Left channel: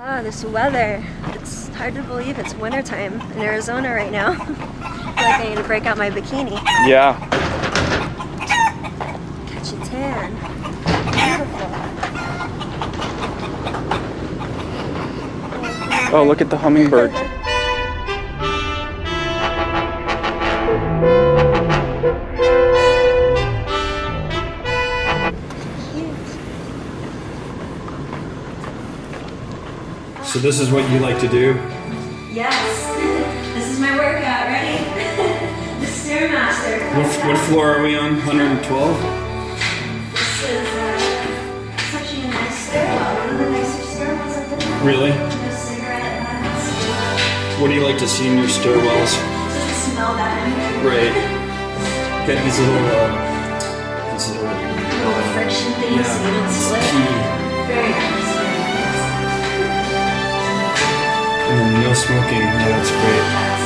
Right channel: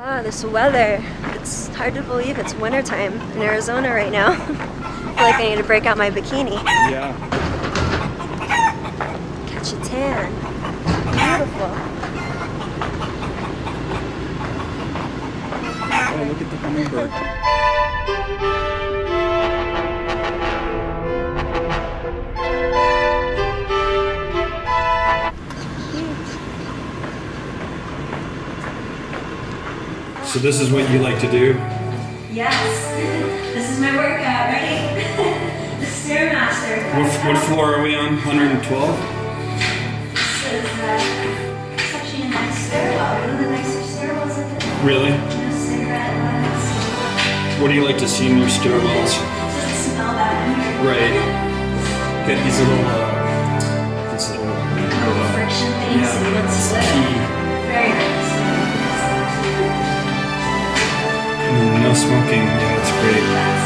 Ah, this weather. It's hard to believe it's wintertime in Arizona right now. I feel like I need to break out my bikini. Yeah. Catch a tan. Beautiful. Oh, look at the hummingbird. So this is what you like to do? Yes. This is my workout. Ready? The Stairmaster. What floor are we on? 112? This is such a nice stairwell. One of the nicer stairwells at the Really? No cigarette butts. What do you like to see in your stairwells? Doesn't smell that way. Right. Got these little Little friction things so you don't slip. key. Very nice. And then no smoking. Yeah, that's great.